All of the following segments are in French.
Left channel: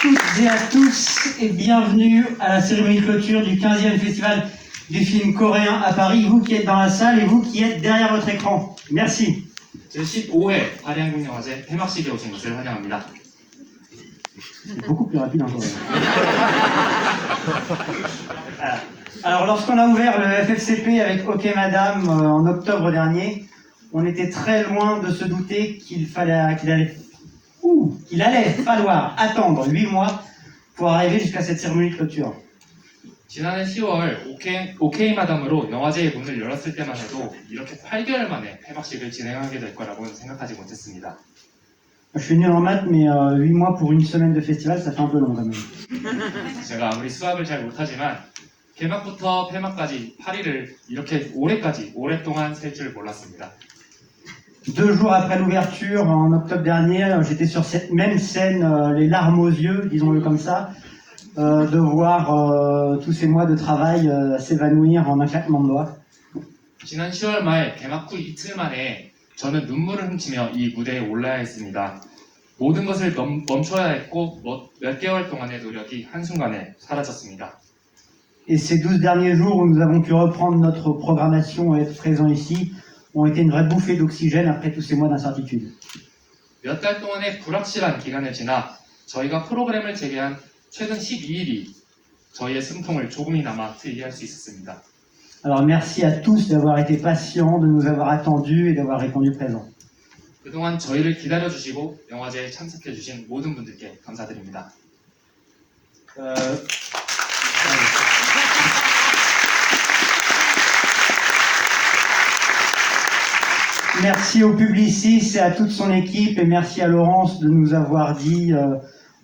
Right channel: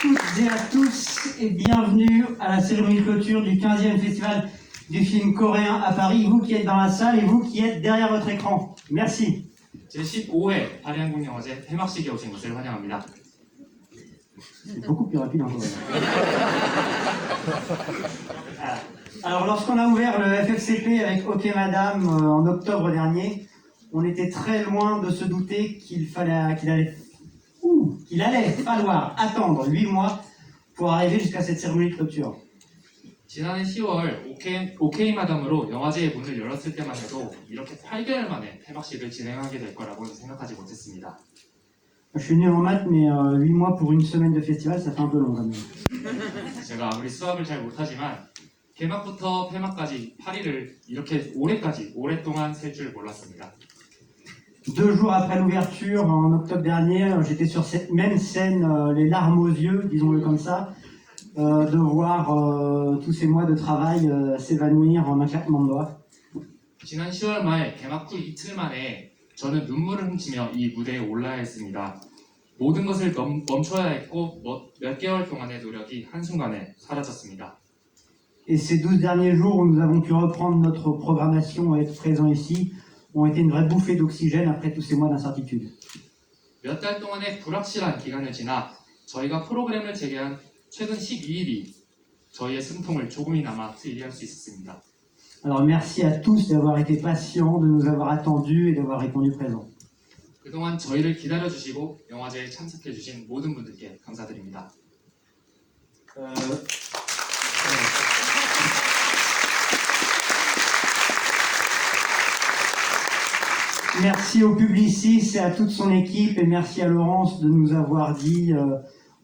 toutes et à tous et bienvenue à la cérémonie de clôture du 15e festival du film coréen à Paris, vous qui êtes dans la salle et vous qui êtes derrière votre écran. Merci. 제15회 파리 한국영화제 폐막식에 오신 것을 환영합니다. C'est beaucoup plus rapide encore. Alors, lorsqu'on a ouvert le FFCP avec OK Madame en octobre dernier, on était très loin de se douter qu'il allait falloir attendre 8 mois pour arriver jusqu'à cette cérémonie de clôture. 지난해 10월 OK 마담으로 영화제의 문을 열었을 때만 해도 이렇게 8개월 만에 폐막식을 진행하게 될 거라고는 생각하지 못했습니다. Je suis nul en maths, mais 8 mois pour une semaine de festival, ça fait un peu long quand même. 제가 아무리 수학을 잘 못하지만 개막부터 폐막까지 파리를 이렇게 오랫동안 셀 줄 몰랐습니다. 2 jours après l'ouverture, en octobre dernier, j'étais sur cette même scène, les larmes aux yeux, disons-le comme ça, de voir tous ces mois de travail s'évanouir en un claquement de doigts. 지난 10월 말 개막 후 이틀 만에 저는 눈물을 훔치며 이 무대에 올라야 했습니다. 모든 것을 멈춰야 했고 몇 개월 동안의 노력이 한순간에 사라졌습니다. Et ces 12 derniers jours où nous avons pu reprendre notre programmation et être présents ici ont été une vraie bouffée d'oxygène après tous ces mois d'incertitude. 몇 달 동안의 불확실한 기간을 지나 저희가 프로그램을 재개한 최근 12일이 저희의 숨통을 조금이나마 트이게 할 수 있었습니다. Alors merci à tous d'avoir été patients, de nous avoir attendus et d'avoir répondu présent. 그동안 저희를 기다려주시고 영화제에 참석해주신 모든 분들께 감사드립니다. Merci au Publicis et à toute son équipe et merci à Laurence de nous avoir dit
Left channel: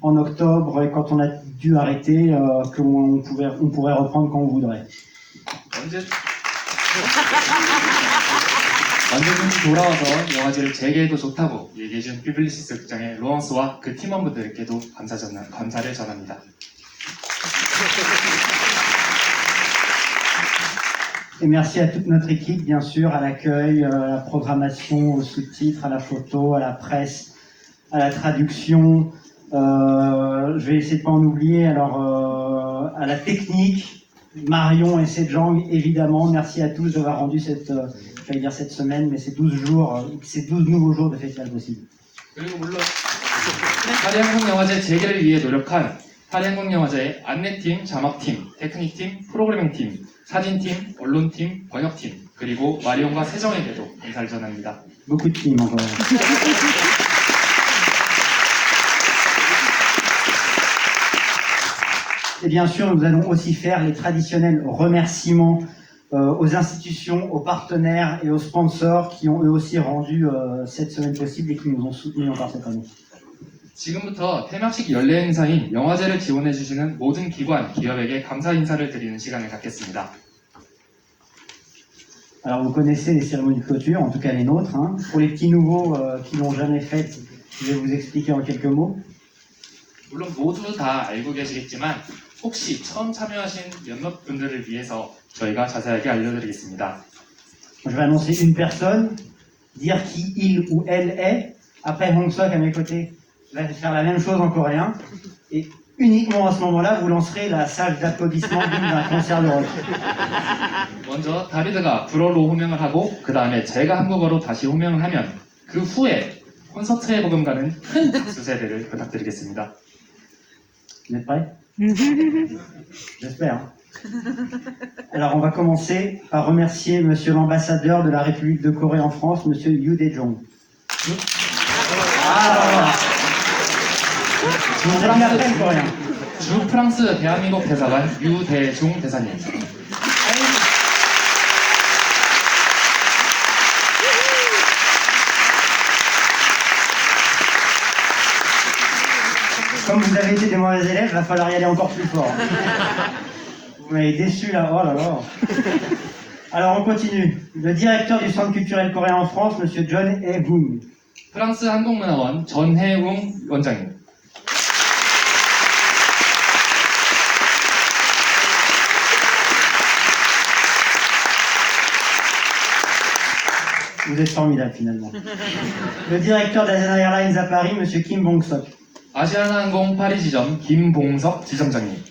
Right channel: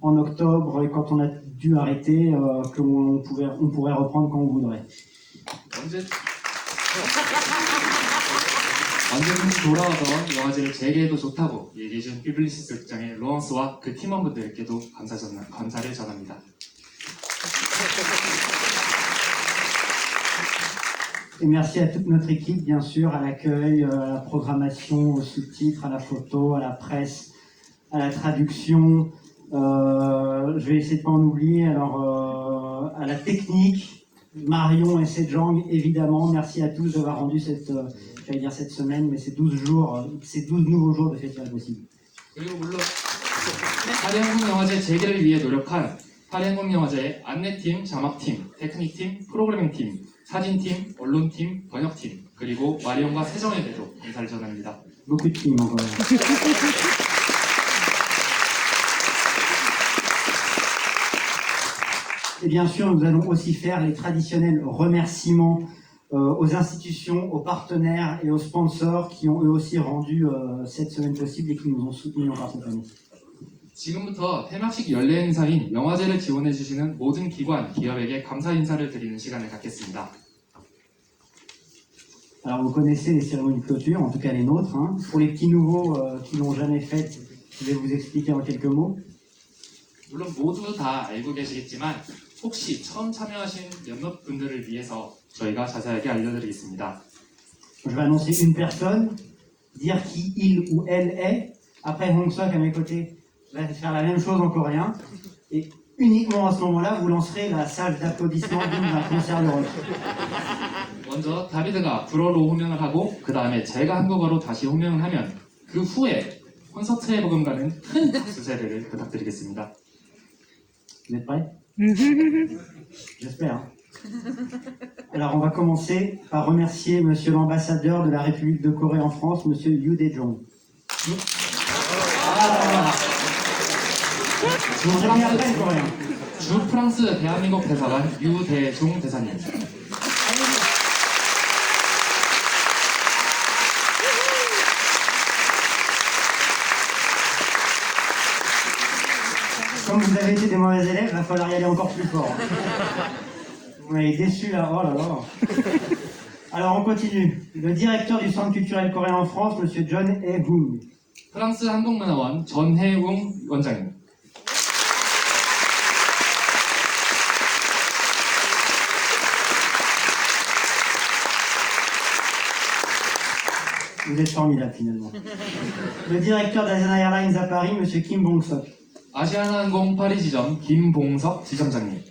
en octobre et quand on a dû arrêter qu'on pourrait reprendre quand on voudrait. 언제든지 돌아와서 영화제를 재개해도 좋다고 얘기해준 퓨블리시스 극장의 로런스와 그 팀원분들께도 감사를 전합니다. Et merci à toute notre équipe, bien sûr, à l'accueil, à la programmation, aux sous-titres, à la photo, à la presse, à la traduction. Je vais essayer de ne pas en oublier. Alors, à la technique, Marion et Sejang, évidemment. Merci à tous d'avoir rendu cette semaine, mais ces 12 nouveaux jours de festival possible. 그리고 물론 파리 한국영화제 재개를 위해 노력한 파리 한국영화제의 안내팀, 자막팀, 테크닉팀, 프로그래밍팀, 사진팀, 언론팀, 번역팀, 그리고 마리온과 세정에게도 감사를 전합니다. Beaucoup de teams encore. Et bien sûr, nous allons aussi faire les traditionnels remerciements aux institutions, aux partenaires et aux sponsors qui ont eux aussi rendu cette semaine possible et qui nous ont soutenus encore cette année. 지금부터 폐막식 연례 행사인 영화제를 지원해주시는 모든 기관, 기업에게 감사 인사를 드리는 시간을 갖겠습니다. Alors vous connaissez les cérémonies de clôture, en tout cas les nôtres. Hein. Pour les petits nouveaux qui l'ont jamais faites, je vais vous expliquer en quelques mots. 물론 모두 다 알고 계시겠지만 혹시 처음 참여하신 몇몇 분들을 위해서 저희가 자세하게 알려드리겠습니다. Je vais annoncer une personne, dire qui il ou elle est. Après Hong Sok à mes côtés va faire la même chose en coréen. Et uniquement à ce moment-là, vous lancerez la salve d'applaudissements d'un concert de rock. 먼저 다비드가 불어로 호명을 하고 그 다음에 제가 한국어로 다시 호명을 하면 그 후에 콘서트에 버금가는 큰 박수 세대를 부탁드리겠습니다. Vous êtes prêts? J'espère. Alors on va commencer par remercier Monsieur l'ambassadeur de la République de Corée en France, Monsieur Yoo Dae-jong. Je vous parle après le coréen. 주 프랑스 대한민국 대사관 유대중 대사님. Comme vous avez été des mauvais élèves, il va falloir y aller encore plus fort. Vous m'avez déçu là, oh là là. Alors on continue. Le directeur du Centre culturel coréen en France, Monsieur John Hae-woong. 프랑스 한국문화원 전혜웅 원장님. Vous êtes formidable finalement. Le directeur d'Asian Airlines à Paris, Monsieur Kim Bong-sok. 아시아나항공 파리 지점 김봉석 지점장님.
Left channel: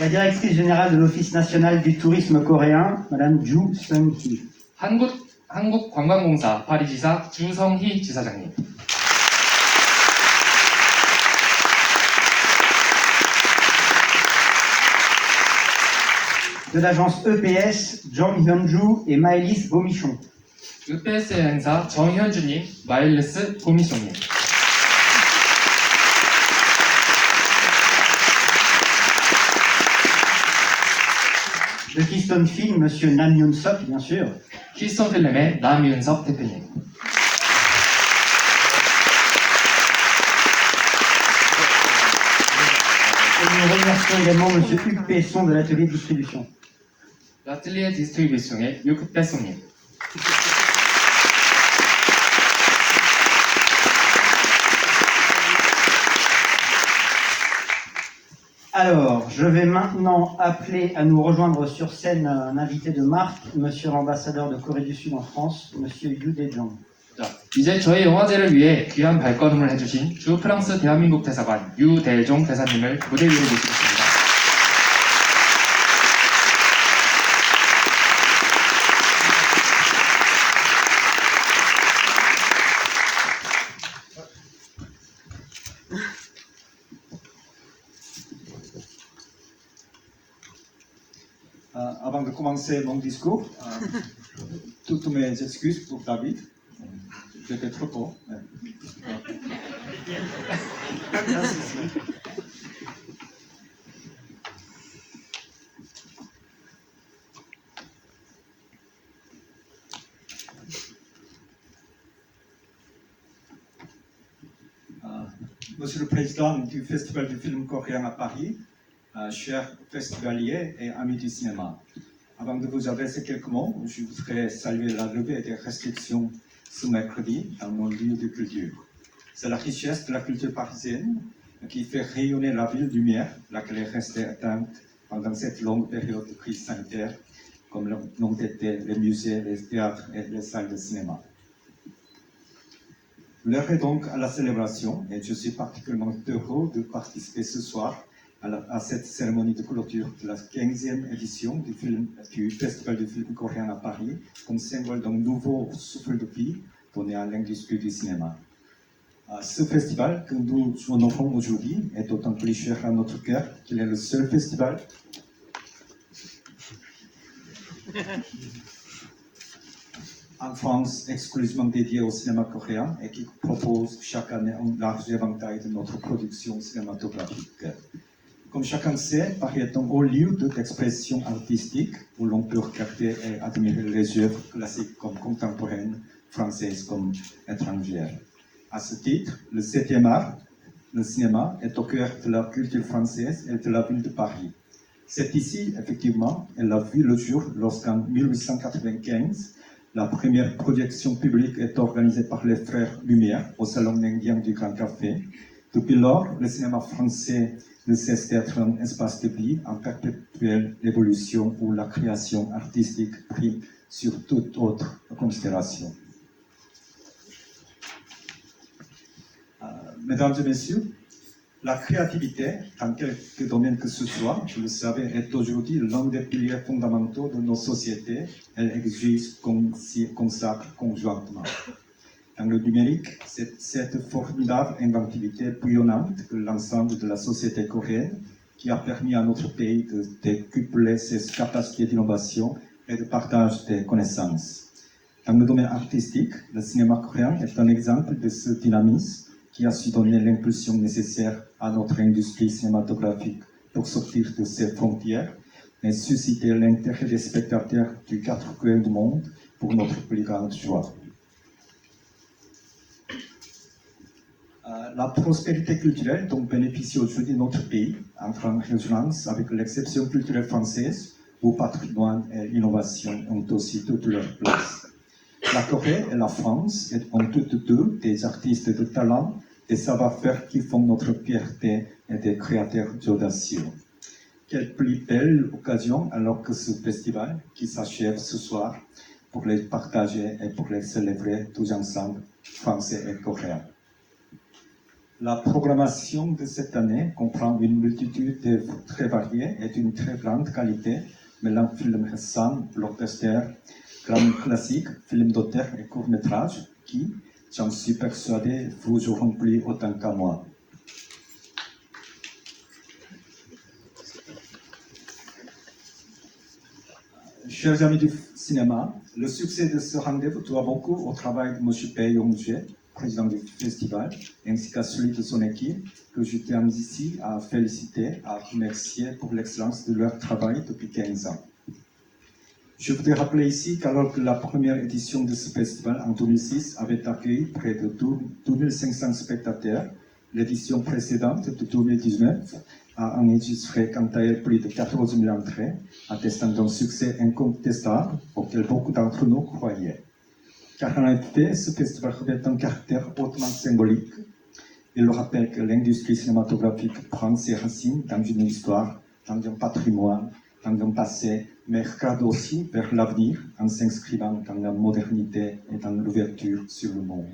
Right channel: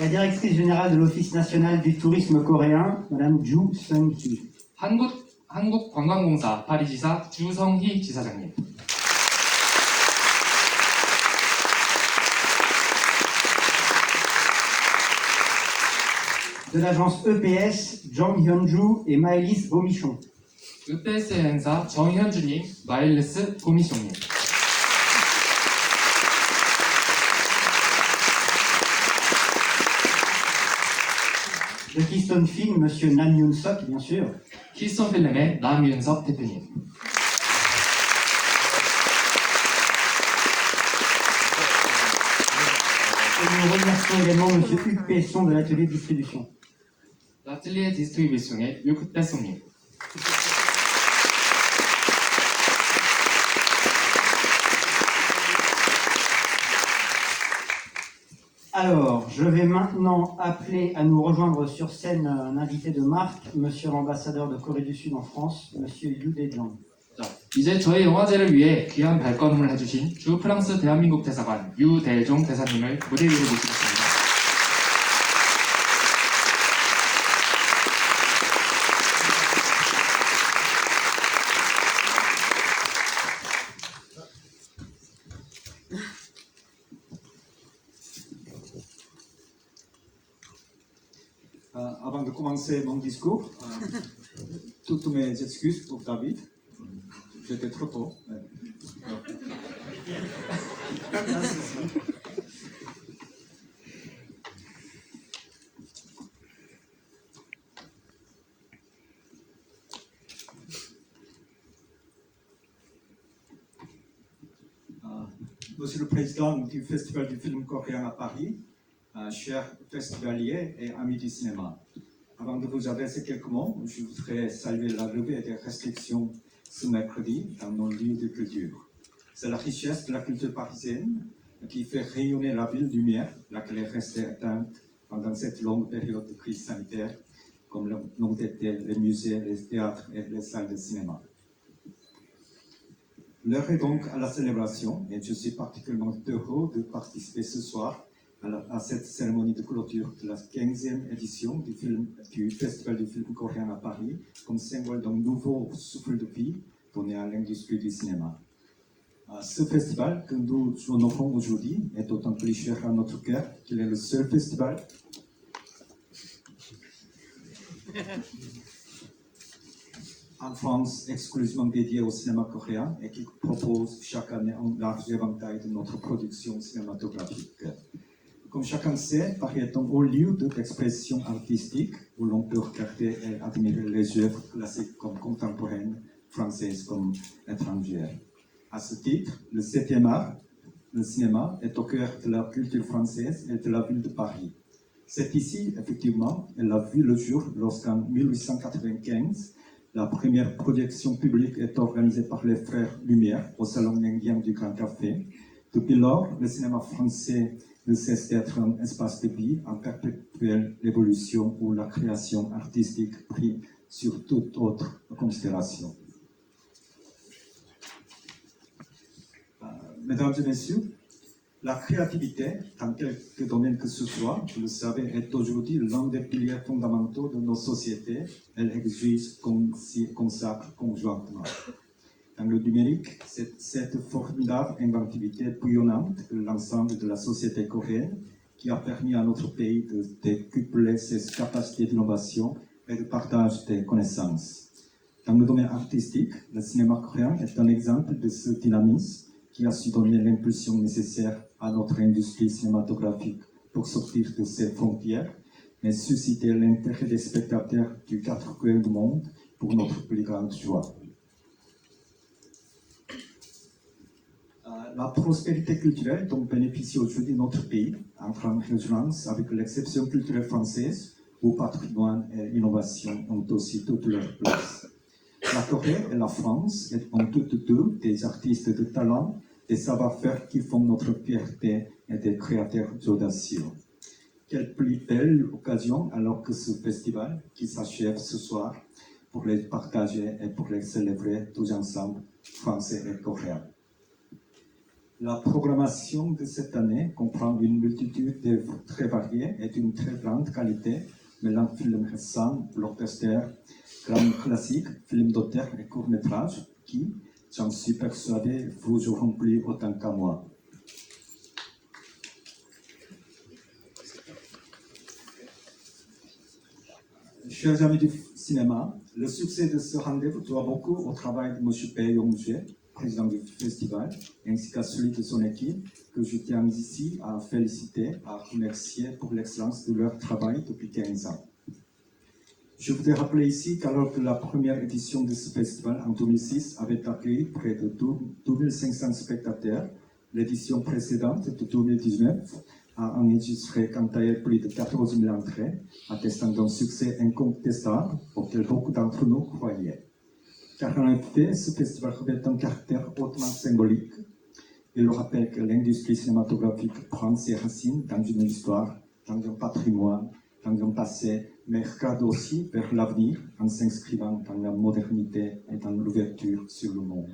La directrice générale de l'Office national du tourisme coréen, Madame Ju Seung-hee. 한국관광공사 파리지사 주성희 지사장님. De l'agence EPS, Jong Hyun-ju et Maëlys Bomichon. EPS 행사 정현주님, 마일리스 고미숑님. De Keystone Film, Monsieur Nam Yoon-sok, bien sûr. 키스톤 필름의 남윤석 대표님. Et nous remercions également Monsieur Hugues Pesson de l'atelier de distribution. 라틀리에 디스트리뷰션의 유크배송님. Alors, je vais maintenant appeler à nous rejoindre sur scène un invité de marque, Monsieur l'ambassadeur de Corée du Sud en France, Monsieur Yu Dae-jong. 자, 이제 저희 영화제를 위해 귀한 발걸음을 해주신 주 프랑스 대한민국 대사관 유대종 대사님을 무대 위로 모시겠습니다. Avant de commencer mon discours, toutes mes excuses pour David. J'étais trop tôt. Monsieur le Président du Festival du film coréen à Paris, chers festivaliers et amis du cinéma, avant de vous adresser quelques mots, je voudrais saluer la levée des restrictions ce mercredi dans nos lieux de culture. C'est la richesse de la culture parisienne qui fait rayonner la ville lumière, laquelle est restée éteinte pendant cette longue période de crise sanitaire, comme l'ont été les musées, les théâtres et les salles de cinéma. L'heure est donc à la célébration et je suis particulièrement heureux de participer ce soir à cette cérémonie de clôture de la 15e édition du Festival du film coréen à Paris, comme symbole d'un nouveau souffle de vie donné à l'industrie du cinéma. Ce festival que nous honorons aujourd'hui est d'autant plus cher à notre cœur qu'il est le seul festival en France exclusivement dédié au cinéma coréen et qui propose chaque année un large éventail de notre production cinématographique. Comme chacun sait, Paris est un haut lieu d'expression artistique où l'on peut regarder et admirer les œuvres classiques comme contemporaines, françaises comme étrangères. À ce titre, le 7e art, le cinéma, est au cœur de la culture française et de la ville de Paris. C'est ici, effectivement, elle a vu le jour lorsqu'en 1895, la première projection publique est organisée par les frères Lumière au Salon indien du Grand Café. Depuis lors, le cinéma français ne cesse d'être un espace de vie en perpétuelle évolution où la création artistique prime sur toute autre considération. Mesdames et messieurs, la créativité, dans quelque domaine que ce soit, vous le savez, est aujourd'hui l'un des piliers fondamentaux de nos sociétés. Elle exige qu'on s'y consacre conjointement. Dans le numérique, c'est cette formidable inventivité bouillonnante de l'ensemble de la société coréenne qui a permis à notre pays de décupler ses capacités d'innovation et de partage des connaissances. Dans le domaine artistique, le cinéma coréen est un exemple de ce dynamisme qui a su donner l'impulsion nécessaire à notre industrie cinématographique pour sortir de ses frontières et susciter l'intérêt des spectateurs du quatre coins du monde pour notre plus grande joie. La prospérité culturelle dont bénéficie aujourd'hui notre pays entre en résonance avec l'exception culturelle française où patrimoine et innovation ont aussi toute leur place. La Corée et la France ont toutes deux des artistes de talent, des savoir-faire qui font notre fierté et des créateurs audacieux. Quelle plus belle occasion alors que ce festival qui s'achève ce soir pour les partager et pour les célébrer tous ensemble, français et coréens. La programmation de cette année comprend une multitude d'œuvres très variées et d'une très grande qualité, mêlant films récents, blockbusters, grands classiques, films d'auteur et courts-métrages qui, j'en suis persuadé, vous auront plu autant qu'à moi. Chers amis du cinéma, le succès de ce rendez-vous doit beaucoup au travail de M. Bae Yong-jae, président du festival, ainsi qu'à celui de son équipe, que je tiens ici à féliciter, à remercier pour l'excellence de leur travail depuis 15 ans. Je voudrais rappeler ici qu'alors que la première édition de ce festival en 2006 avait accueilli près de 12 500 spectateurs, l'édition précédente de 2019 a enregistré quant à elle plus de 14 000 entrées, attestant d'un succès incontestable auquel beaucoup d'entre nous croyaient. Car en effet, ce festival revêt un caractère hautement symbolique. Il rappelle que l'industrie cinématographique prend ses racines dans une histoire, dans un patrimoine, dans un passé, mais regarde aussi vers l'avenir en s'inscrivant dans la modernité et dans l'ouverture sur le monde.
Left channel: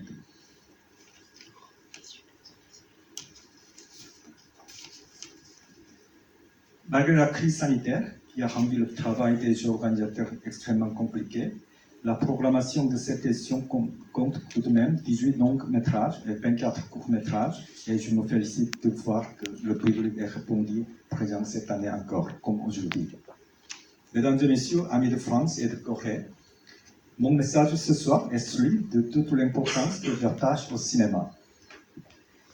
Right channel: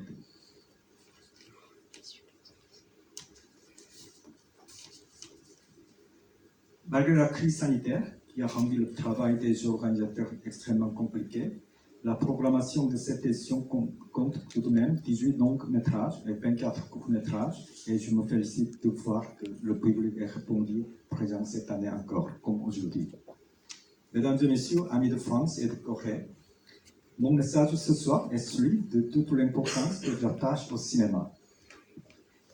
Malgré la crise sanitaire qui a rendu le travail des organisateurs extrêmement compliqué, la programmation de cette édition compte tout de même 18 longs métrages et 24 courts métrages, et je me félicite de voir que le public est répondu présent cette année encore, comme aujourd'hui. Mesdames et messieurs, amis de France et de Corée, mon message ce soir est celui de toute l'importance que j'attache au cinéma.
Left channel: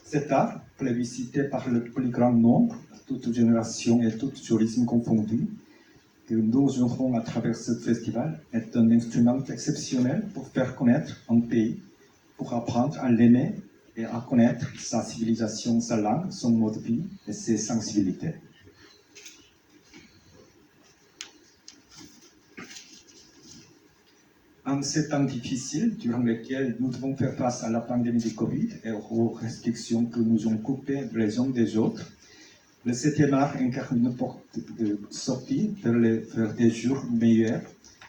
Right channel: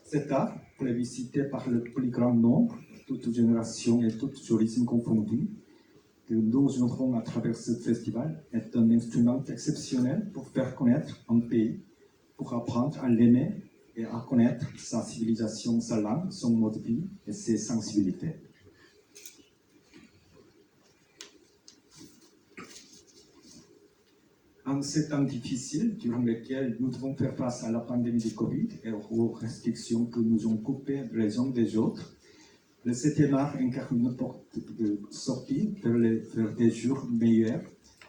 Cet art, plébiscité par le plus grand nombre, toutes générations et toutes horizons confondus, que nous offrons à travers ce festival, est un instrument exceptionnel pour faire connaître un pays, pour apprendre à l'aimer et à connaître sa civilisation, sa langue, son mode de vie et ses sensibilités. En ces temps difficiles, durant lesquels nous devons faire face à la pandémie de Covid et aux restrictions que nous ont coupées les uns des autres, le 7e art incarne une porte de sortie vers des jours meilleurs.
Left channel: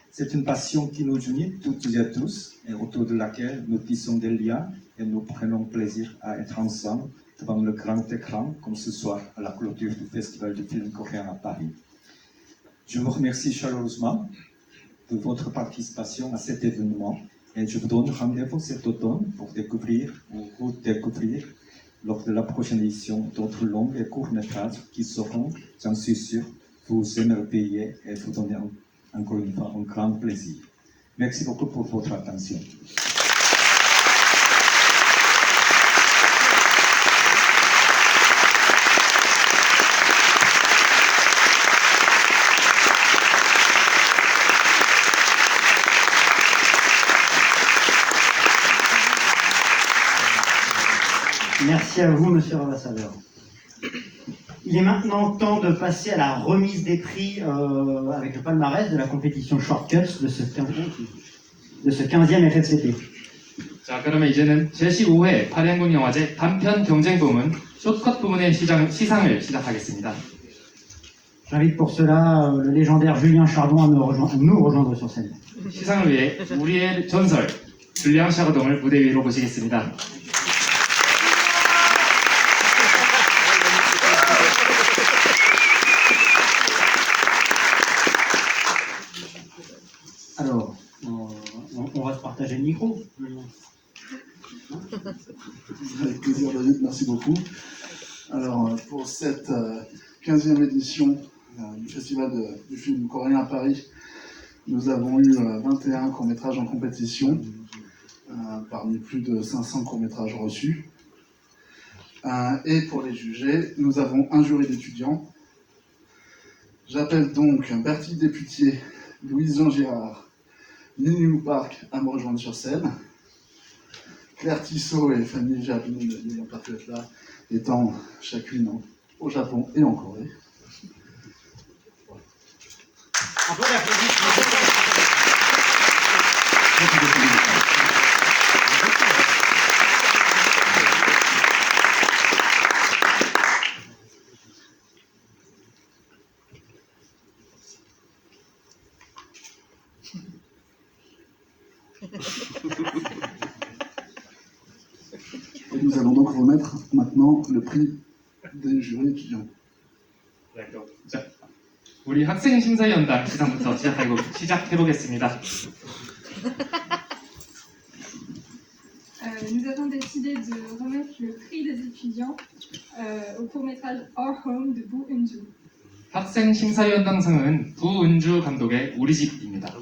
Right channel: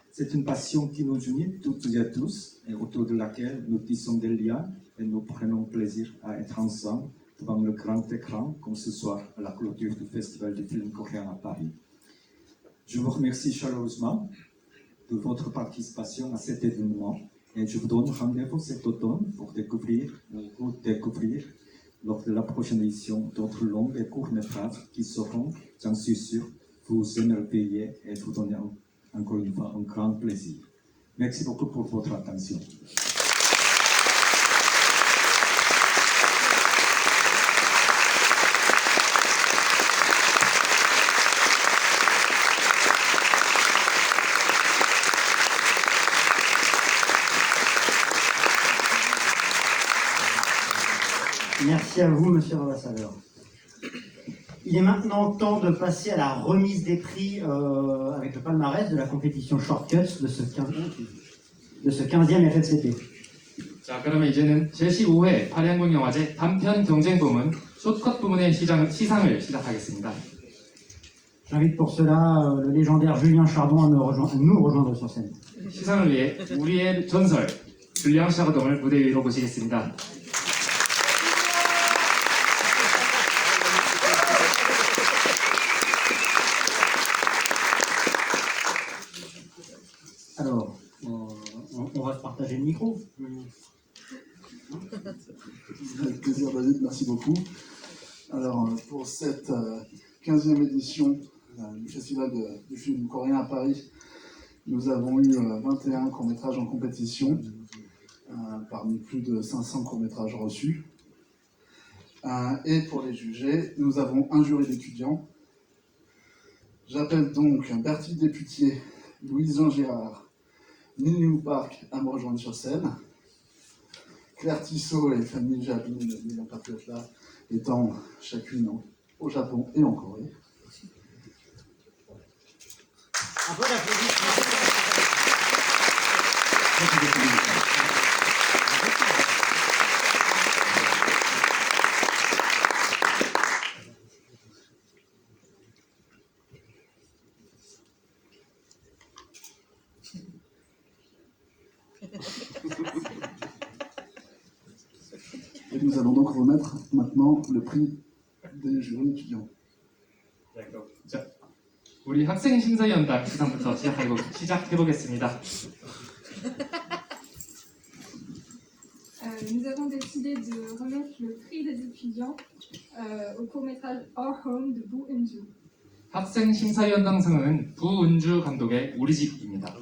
C'est une passion qui nous unit toutes et tous et autour de laquelle nous tissons des liens et nous prenons plaisir à être ensemble devant le grand écran, comme ce soir à la clôture du Festival du film coréen à Paris. Je vous remercie chaleureusement de votre participation à cet événement et je vous donne rendez-vous cet automne pour découvrir ou redécouvrir lors de la prochaine édition d'autres longs et courts métrages qui seront, j'en suis sûr, vous émerveiller et vous donner encore une fois un grand plaisir. Merci beaucoup pour votre attention. Merci à vous, monsieur l'ambassadeur. Il est maintenant temps de passer à la remise des prix avec le palmarès de la compétition Shortcuts de ce 15e FFCP. 자, 그러면 이제는 제15회 파리항공 영화제 단편 경쟁 부문 숏컷 부문의 시상을 시작하겠습니다. J'invite pour cela le légendaire Julien Chardon à nous rejoindre sur scène. 시상을 위해 우리의 전설 줄리앙 샤르동을 무대 위로 모시겠습니다. Alors, on va se partager le micro. Avec plaisir, David, merci beaucoup. Alors, pour cette 15e édition du Festival du film coréen à Paris, nous avons eu 21 courts-métrages en compétition, parmi plus de 500 courts-métrages reçus. Et pour les juger, nous avons un jury d'étudiants. J'appelle donc Bertie Desputier, Louise-Jean Girard, Nini Park à me rejoindre sur scène. Claire Tissot et Fanny Jabin n'ayant pas pu être là, étant chacune au Japon et en Corée. Et nous allons donc remettre maintenant le prix des jurys étudiants. 네, 그럼 자, 우리 학생 심사위원단 시상부터 시작해보겠습니다. Nous avons décidé de remettre le prix des étudiants au court-métrage Our Home de Bu Eun-joo. 학생 심사위원장상은 부은주 감독의 우리 집입니다.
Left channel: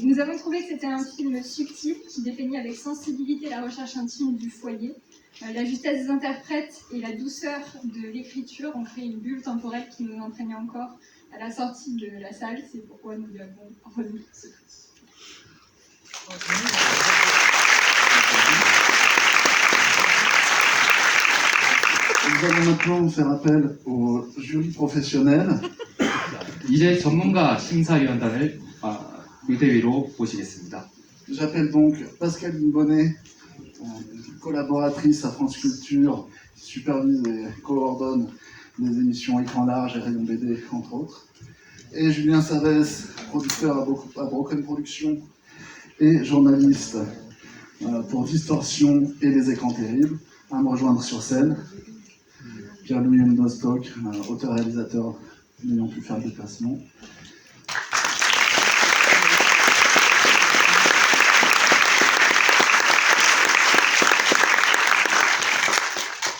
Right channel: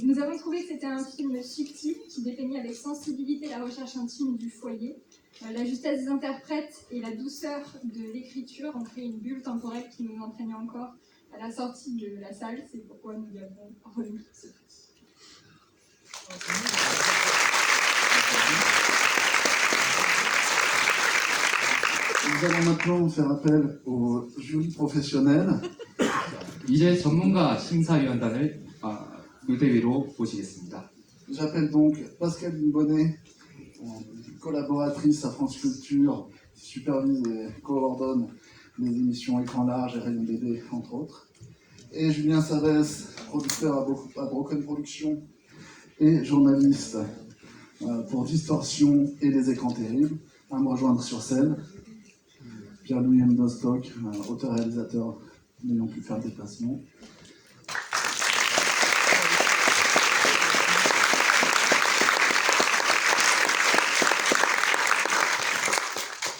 Nous avons trouvé que c'était un film subtil qui dépeignait avec sensibilité la recherche intime du foyer. La justesse des interprètes et la douceur de l'écriture ont créé une bulle temporelle qui nous entraînait encore à la sortie de la salle. C'est pourquoi nous lui avons remis ce prix. Nous allons maintenant faire appel au jury professionnel. 이제 전문가 심사위원단을 무대 위로 모시겠습니다. J'appelle donc Pascaline Bonnet, collaboratrice à France Culture, qui supervise et coordonne les émissions Écran Large et Rayon BD, entre autres. Et Julien Savès, producteur à Broken Productions et journaliste pour Distorsion et Les Écrans Terribles, à me rejoindre sur scène. Pierre-Louis Ndostock, auteur-réalisateur n'ayant pu faire le déplacement.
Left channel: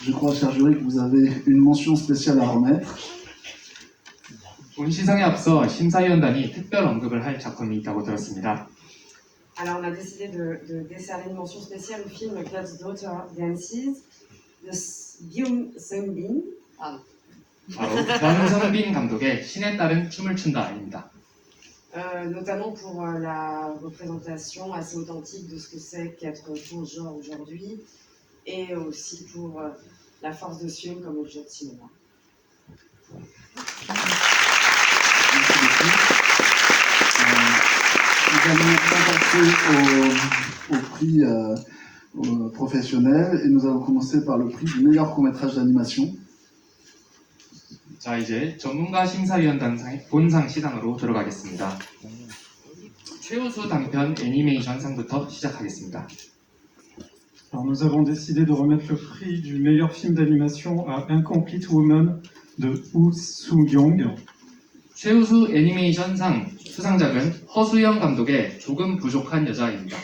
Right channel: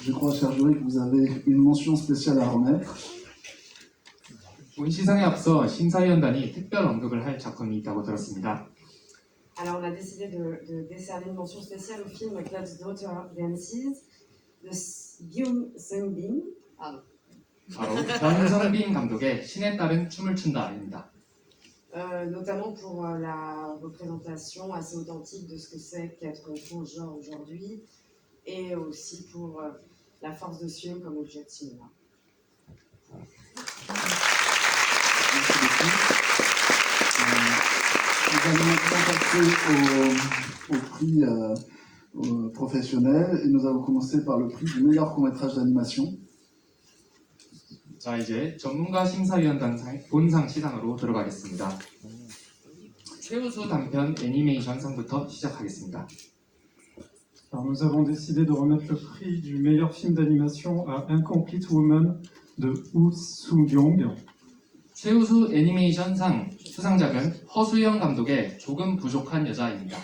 Je crois, cher jury, que vous avez une mention spéciale à remettre. 본 시상에 앞서 심사위원단이 특별 언급을 할 작품이 있다고 들었습니다. Alors, on a décidé de décerner une mention spéciale au film God's Daughter Dances de Byung Seung-bin. 바로 변성빈 감독의 신에 따른 춤을 춘다입니다. Notamment pour la représentation assez authentique de ce que c'est qu'être transgenre aujourd'hui et aussi pour la force de ce film comme objet de cinéma. Merci beaucoup. Nous allons maintenant passer au prix professionnel et nous allons commencer par le prix du meilleur court-métrage d'animation. 자, 이제 전문가 심사위원단 본상 시상으로 들어가겠습니다. 최우수 단편 애니메이션 상부터 시작하겠습니다. Alors nous avons décidé de remettre le prix du meilleur film d'animation à Incomplete Woman de Woo Soo-young. 최우수 애니메이션상 수상작은 허수영 감독의 조금 부족한 여자입니다.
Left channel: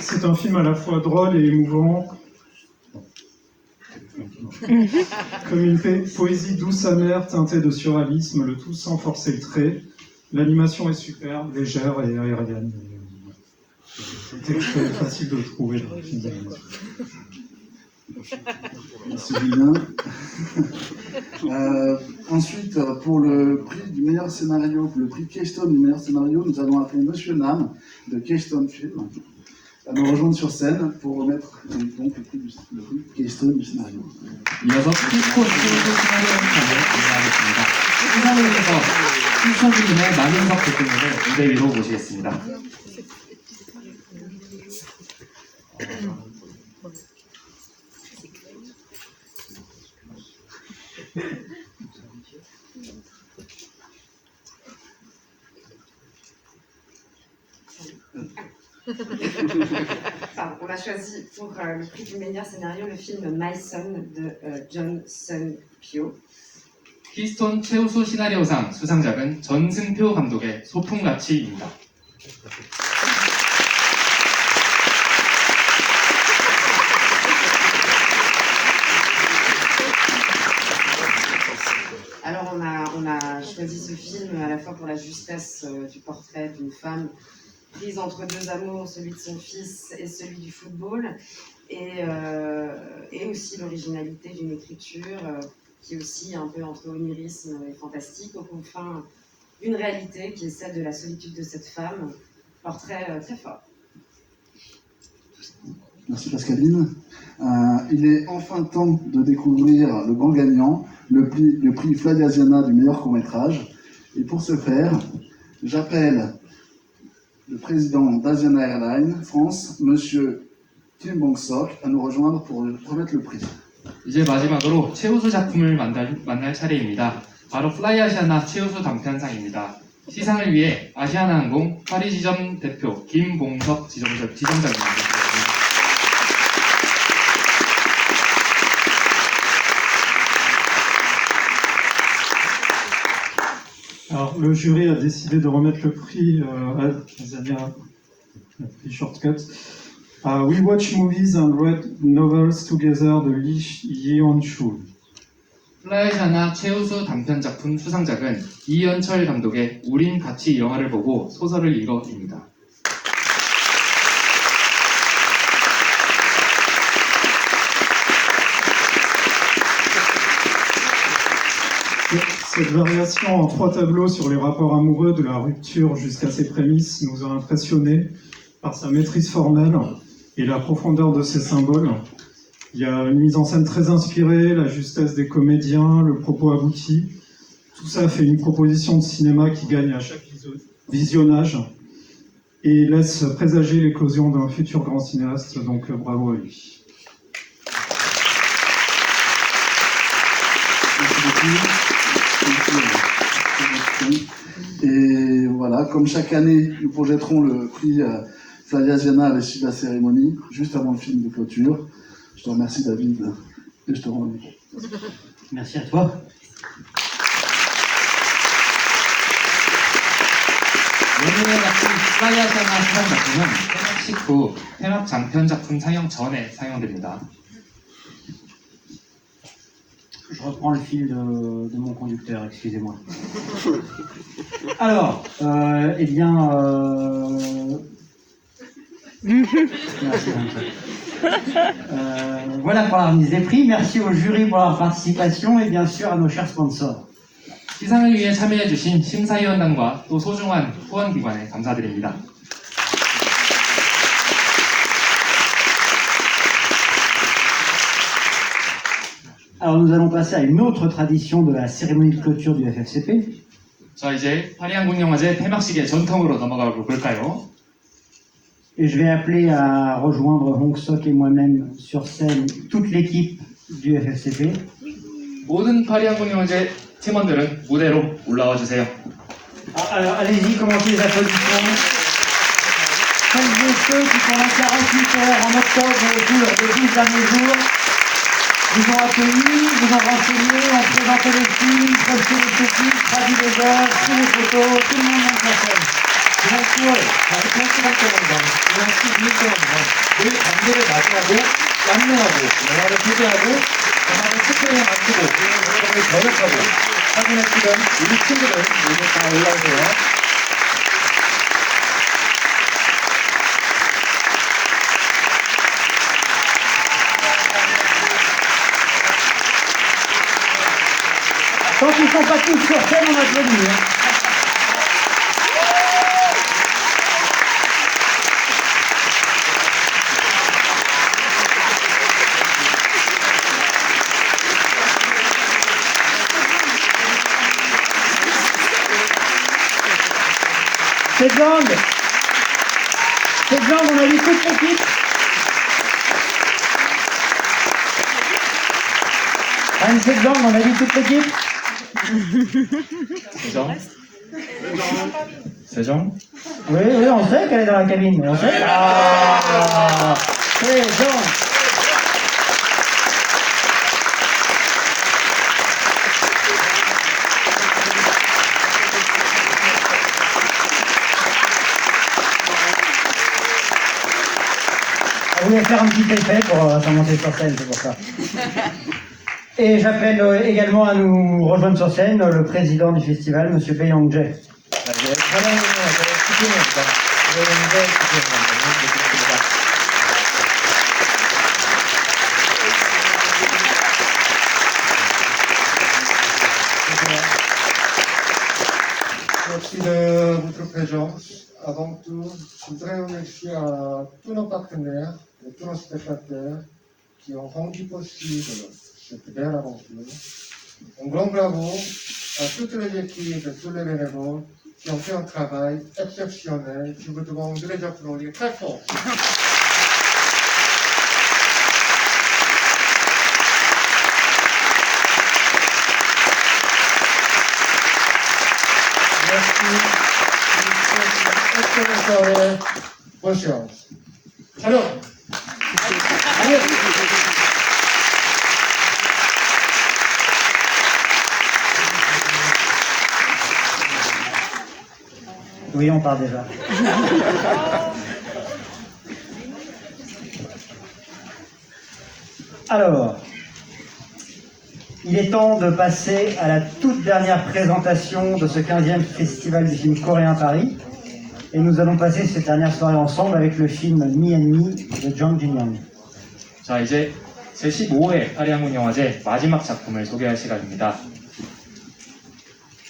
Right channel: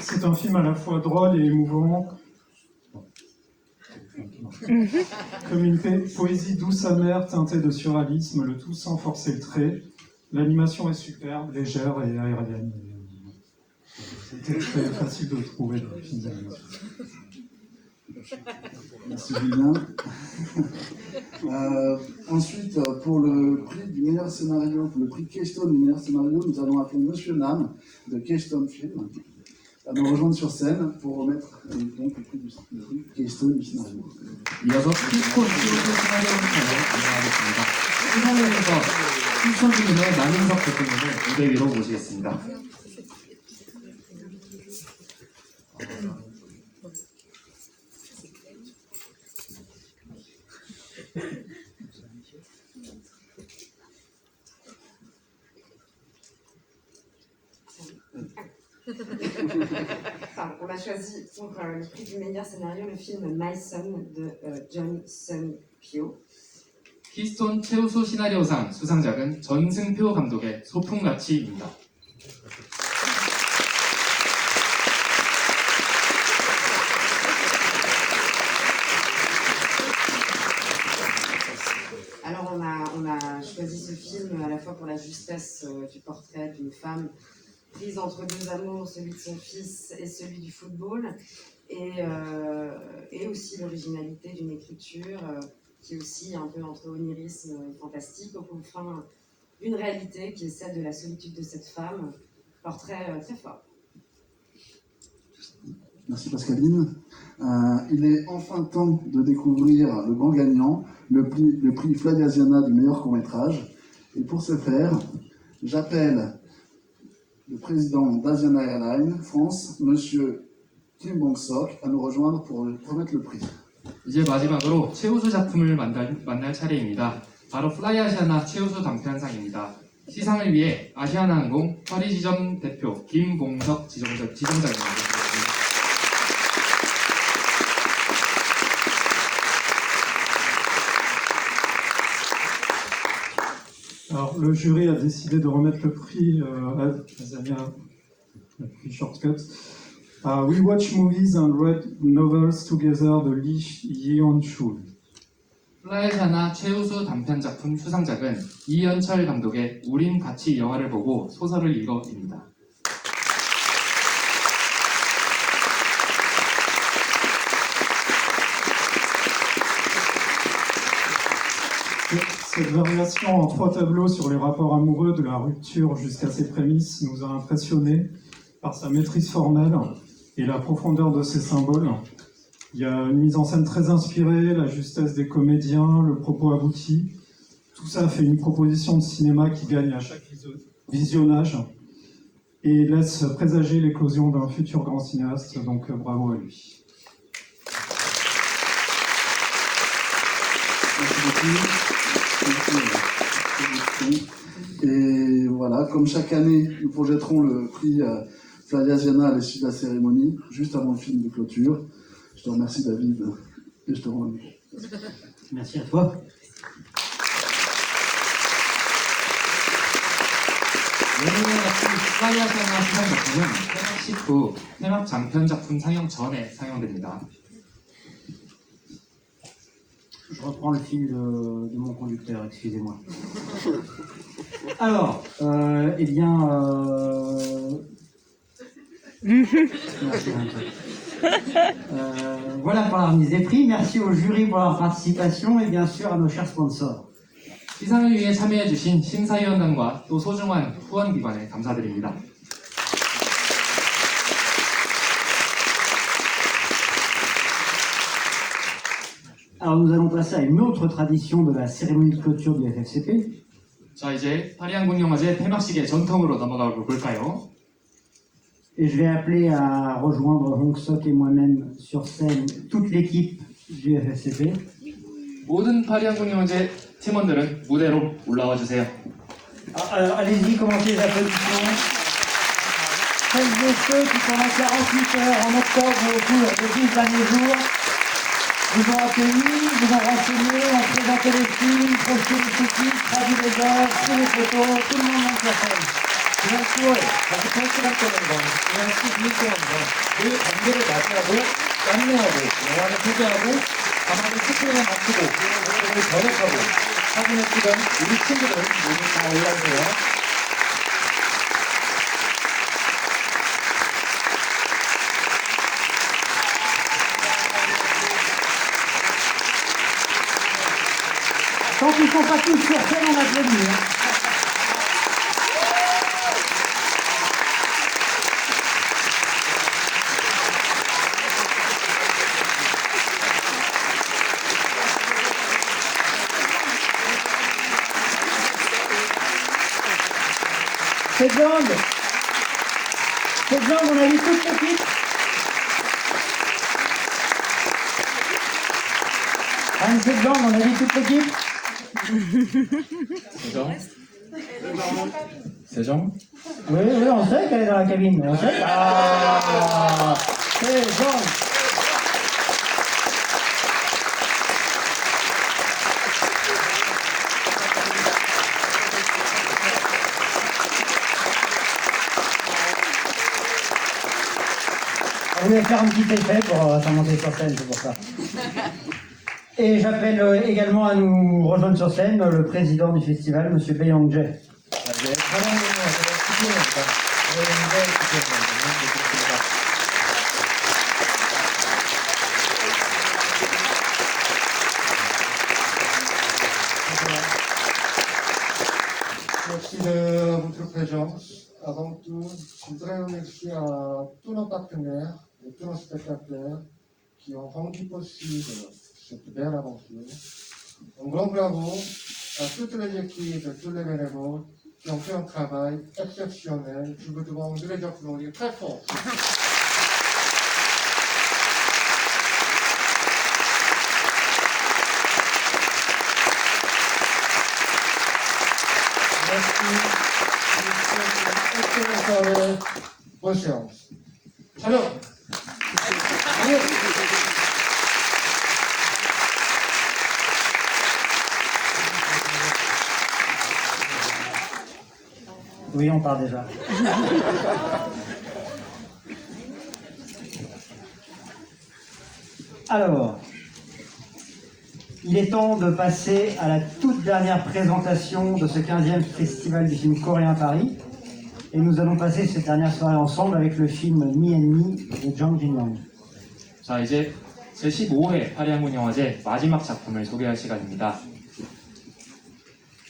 C'est un film à la fois drôle et émouvant, comme une poésie douce amère teintée de surréalisme, le tout sans forcer le trait. L'animation est superbe, légère et aérienne. C'était très facile de le trouver dans le film d'animation. Merci Julien. Ensuite, pour le prix du meilleur scénario, pour le prix Keystone du meilleur scénario, nous allons appeler Monsieur Nam de Keystone Film à nous rejoindre sur scène pour remettre donc le prix Keystone du scénario. 이어서 키스톤 최우수 시나리오상을 안내하겠습니다. 시상에서 키스톤님의 마lin석 대표님을 무대 위로 모시겠습니다. Alors, on a choisi pour le prix du meilleur scénario le film My Son de John Sung-pyo. 키스톤 최우수 시나리오상 수상작은 전승표 감독의 소풍같이입니다. Alors on a choisi ce film à la fois pour la justesse du portrait d'une femme prise entre deux amours, celui de son fils et celui du football, et aussi l'originalité d'une écriture qui est aussi un peu entre onirisme et fantastique, aux confins d'une réalité qui est celle de la solitude de cette femme, portrait très fort. Merci Pascaline. Il est enfin temps de découvrir le grand gagnant, le prix Fly Asiana du meilleur court-métrage. Et pour ce faire, j'appelle le président d'Asiana Airlines France, Monsieur Kim Bong-sok, à nous rejoindre pour remettre le prix. 이제 마지막으로 최우수 작품을 만날 차례입니다. 바로 플라이아시아나 최우수 단편상입니다. 시상을 위해 아시아나항공 파리 지점 대표 김봉석 지점장님 모시겠습니다. Alors, le jury a décidé de remettre le prix à Azania, le prix Shortcut. We Watch Movies and Read Novels Together de Lee Yeon-chul. 플라이아시아나 최우수 단편 작품 수상작은 이연철 감독의 우린 같이 영화를 보고 소설을 읽어입니다. Cette variation en 3 tableaux sur les rapports amoureux de la rupture jusqu'à ses prémices nous a impressionnés par sa maîtrise formelle et la profondeur de ses symboles. Il y a une mise en scène très inspirée, la justesse des comédiens, le propos abouti. Tout ça fait une proposition de cinéma qui gagne à chaque visionnage et laisse présager l'éclosion d'un futur grand cinéaste, donc bravo à lui. Merci beaucoup. Et voilà, comme chaque année, nous projetterons le prix Flyaziana à l'issue de la cérémonie, juste avant le film de clôture. Je te remercie David et je te rends le micro. Merci à toi. 오늘의 같은 플라이아시아나 수상 작품은 폐막식 후 폐막 장편 작품 상영 전에 상영됩니다. Je reprends le fil de mon conducteur, excusez-moi. Alors, eh bien... Merci, voilà pour la remise des prix. Merci au jury pour leur participation et bien sûr à nos chers sponsors. 시상을 위해 참여해주신 심사위원단과 또 소중한 후원기관에 감사드립니다. Alors nous allons passer à une autre tradition de la cérémonie de clôture du FFCP. 자, 이제 파리항공영화제 폐막식의 전통으로 넘어가 볼까요? Et je vais appeler à rejoindre Hong Sok et moi-même sur scène toute l'équipe du FFCP. 모든 파리항공영화제 팀원들은 무대로 올라와 주세요. Alors allez-y, commencez les applaudissements. Celles et ceux qui sont là 48 heures en octobre au cours des 12 derniers jours vous ont accueillis, vous ont renseigné, ont présenté les films, posté les sous-titres, traduit les œuvres, fait les photos, tout le monde monte sur scène. 지난 10월 정치활동학교원과 지난 12일동안과 늘 관계를 맞이하고 양명하고 영화를 소개하고 영화를 스크린에 맞추고 그것을 번역하고 사진에 찍은 우리 친구들 모두 다 올라오세요. Quand ils ne sont pas tous sur scène, on applaudit. Cette langue, on a vu toute l'équipe. Anne Sedlang, on a vu toute l'équipe. 세정? Oui, on sait qu'elle est dans la cabine. On sait. Ah, Sedlang. On voulait faire un petit effet pour commencer sur scène, c'est pour ça. Et j'appelle également à nous rejoindre sur scène le président du festival, M. Bae-Young Jae. Merci de votre présence. Avant tout, je voudrais remercier tous nos partenaires et tous nos spectateurs qui ont rendu possible cette belle aventure. Un grand bravo toutes les équipes de tous les bénévoles qui ont fait un travail exceptionnel. Je vous demande de les applaudir très fort. Merci. Bonne chance. Alors, Oui, on part déjà. Alors, il est temps de passer à la toute dernière présentation de ce 15e Festival du film coréen Paris. Et nous allons passer cette dernière soirée ensemble avec le film Me and Me de Jang Jin-young. 자, 이제 제15회 파리한국영화제 마지막 작품을 소개할 시간입니다.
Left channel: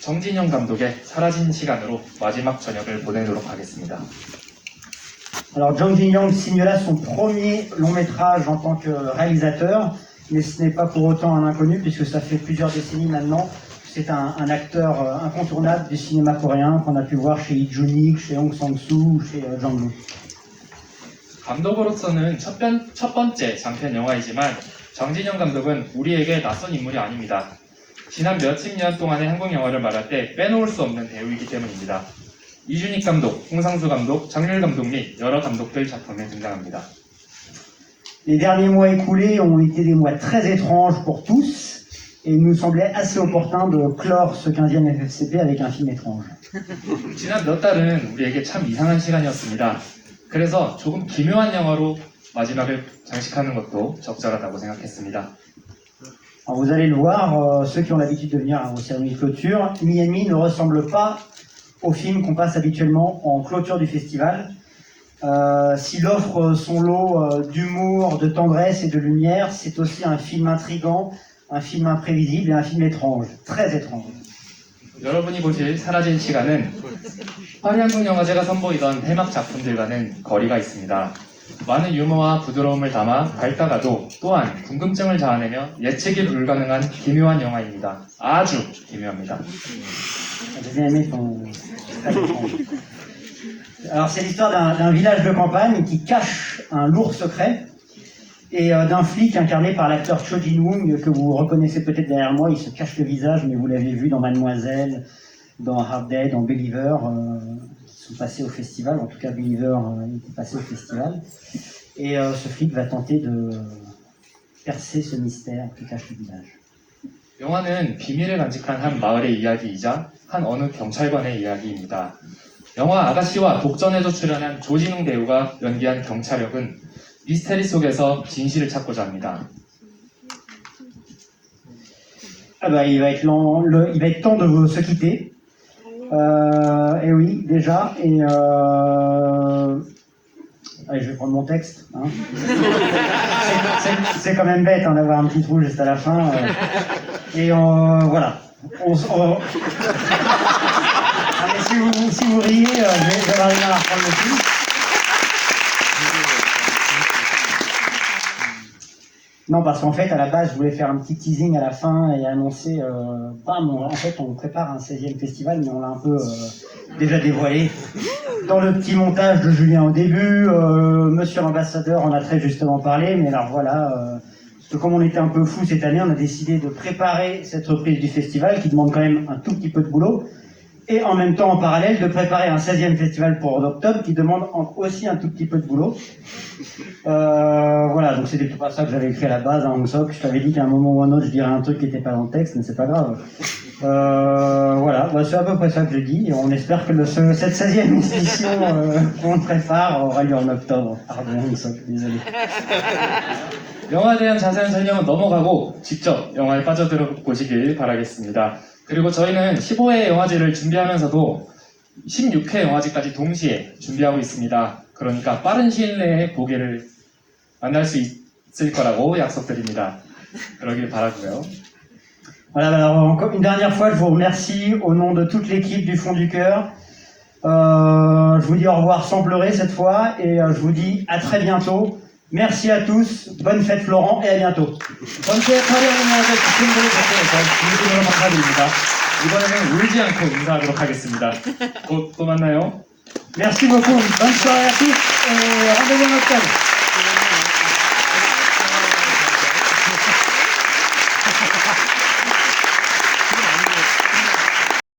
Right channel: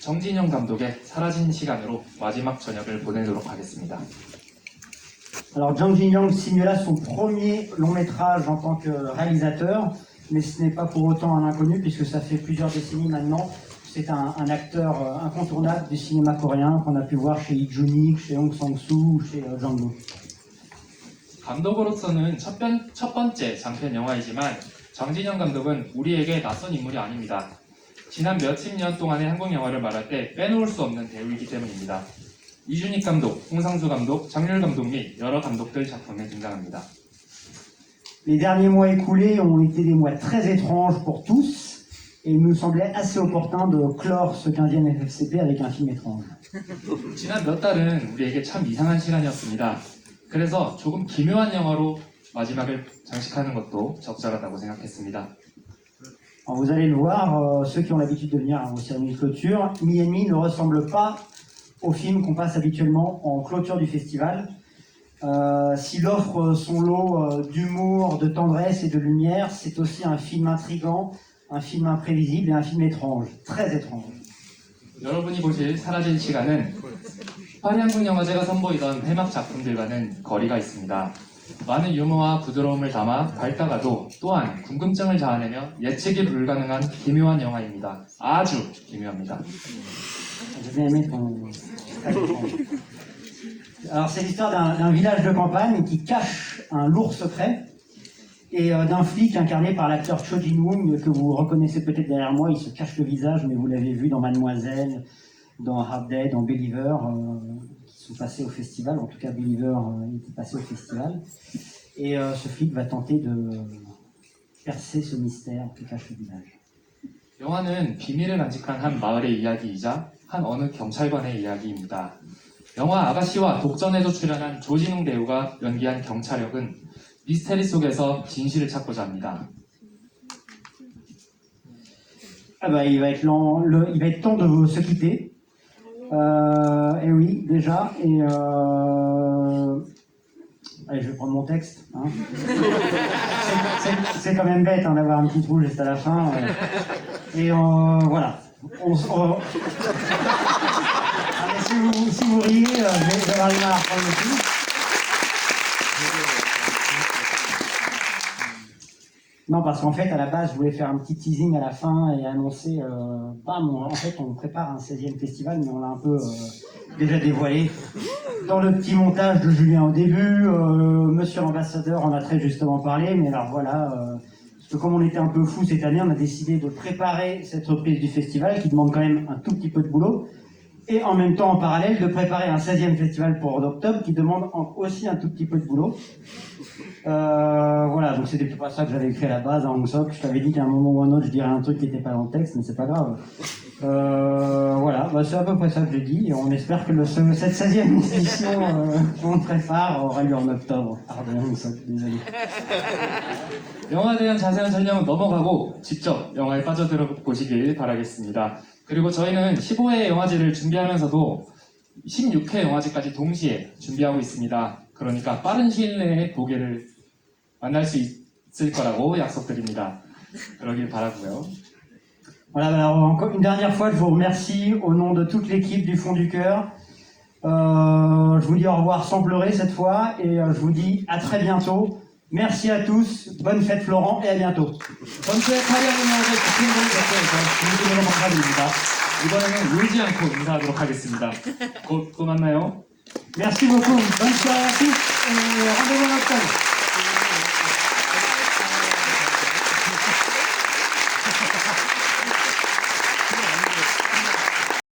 정진영 감독의 사라진 시간으로 마지막 저녁을 보내도록 하겠습니다. Alors Jang Jin-young signe là son premier long métrage en tant que réalisateur, mais ce n'est pas pour autant un inconnu puisque ça fait plusieurs décennies maintenant. C'est un acteur incontournable du cinéma coréen qu'on a pu voir chez Lee Jun-ik, chez Hong Sang-soo, chez Jang Lee. 감독으로서는 첫 번째 장편 영화이지만 정진영 감독은 우리에게 낯선 인물이 아닙니다. 지난 몇십 년 동안의 한국 영화를 말할 때 빼놓을 수 없는 배우이기 때문입니다. 이준익 감독, 홍상수 감독, 장률 감독 및 여러 감독들 작품에 등장합니다. Les derniers mois écoulés ont été des mois très étranges pour tous. Et il nous semblait assez opportun de clore ce 15e FFCP avec un film étrange. 지난 몇 달은 우리에게 참 이상한 시간이었습니다. 그래서 조금 기묘한 영화로 마지막을 장식하는 것도 적절하다고 생각했습니다. Alors vous allez le voir, ceux qui ont l'habitude de venir aux cérémonies de clôture, Me and Me ne ressemble pas au film qu'on passe habituellement en clôture du festival. S'il offre son lot d'humour, de tendresse et de lumière, c'est aussi un film intrigant, un film imprévisible et un film étrange, très étrange. 여러분이 보실 사라진 시간은 파리한국영화제가 선보이던 해막 작품들과는 거리가 있습니다. 많은 유머와 부드러움을 담아 밝다가도 또한 궁금증을 자아내며 예측이 불가능한 기묘한 영화입니다. 아주 기묘합니다. Alors c'est l'histoire d'un village de campagne qui cache un lourd secret et d'un flic incarné par l'acteur Cho Jin-woong que vous reconnaissez peut-être derrière moi. Il se cache le visage, mais vous l'avez vu dans Mademoiselle, dans Hard Day, dans Believer, qui sont passés au festival. En tout cas, Believer était passé au festival. Et ce flic va tenter de percer ce mystère qui cache le visage. 영화는 비밀을 간직한 한 마을의 이야기이자 한 어느 경찰관의 이야기입니다. 영화 아가씨와 독전에도 출연한 조진웅 배우가 연기한 경찰역은 미스테리 속에서 진실을 찾고자 합니다. Ah bah, il va être temps de se quitter. Et oui, déjà. Et allez, je vais prendre mon texte. Hein. C'est quand même bête d'avoir un petit trou juste à la fin. Et voilà. Allez, si vous riez, je vais arriver à la reprendre aussi. Non, parce qu'en fait, à la base, je voulais faire un petit teasing à la fin et annoncer... en fait, on prépare un 16e festival, mais on l'a un peu déjà dévoilé. Dans le petit montage de Julien au début, Monsieur l'ambassadeur en a très justement parlé, mais alors voilà... parce que comme on était un peu fou cette année, on a décidé de préparer cette reprise du festival, qui demande quand même un tout petit peu de boulot, et en même temps, en parallèle, de préparer un 16e festival pour octobre, qui demande aussi un tout petit peu de boulot. Voilà, donc c'était pas ça que j'avais écrit à la base, hein, je t'avais dit qu'à un moment ou un autre je dirais un truc qui n'était pas dans le texte, mais c'est pas grave. Voilà, bah, c'est à peu près ça que j'ai dit, et on espère que cette 16e édition qu'on prépare aura lieu en octobre. Pardon, désolé. 영화에 대한 자세한 설명은 넘어가고 직접 영화에 빠져들어 보시길 바라겠습니다. 그리고 저희는 15회 영화제를 준비하면서도 16회 영화제까지 동시에 준비하고 있습니다. 그러니까 빠른 시일 내에 보기를 만날 수 있을 거라고 약속드립니다. 그러길 바라고요. Voilà, alors encore une dernière fois, je vous remercie au nom de toute l'équipe du Fond du Cœur. Je vous dis au revoir sans pleurer cette fois et je vous dis à très bientôt Merci à tous, bonne fête Florent et à bientôt. 전체 파리항공영화제 집행부를 대표해서 진심으로 감사드립니다. 이번에는 울지 않고 인사하도록 하겠습니다. 곧 또 만나요. Merci beaucoup, bonne soirée à tous et rendez-vous à notre thème.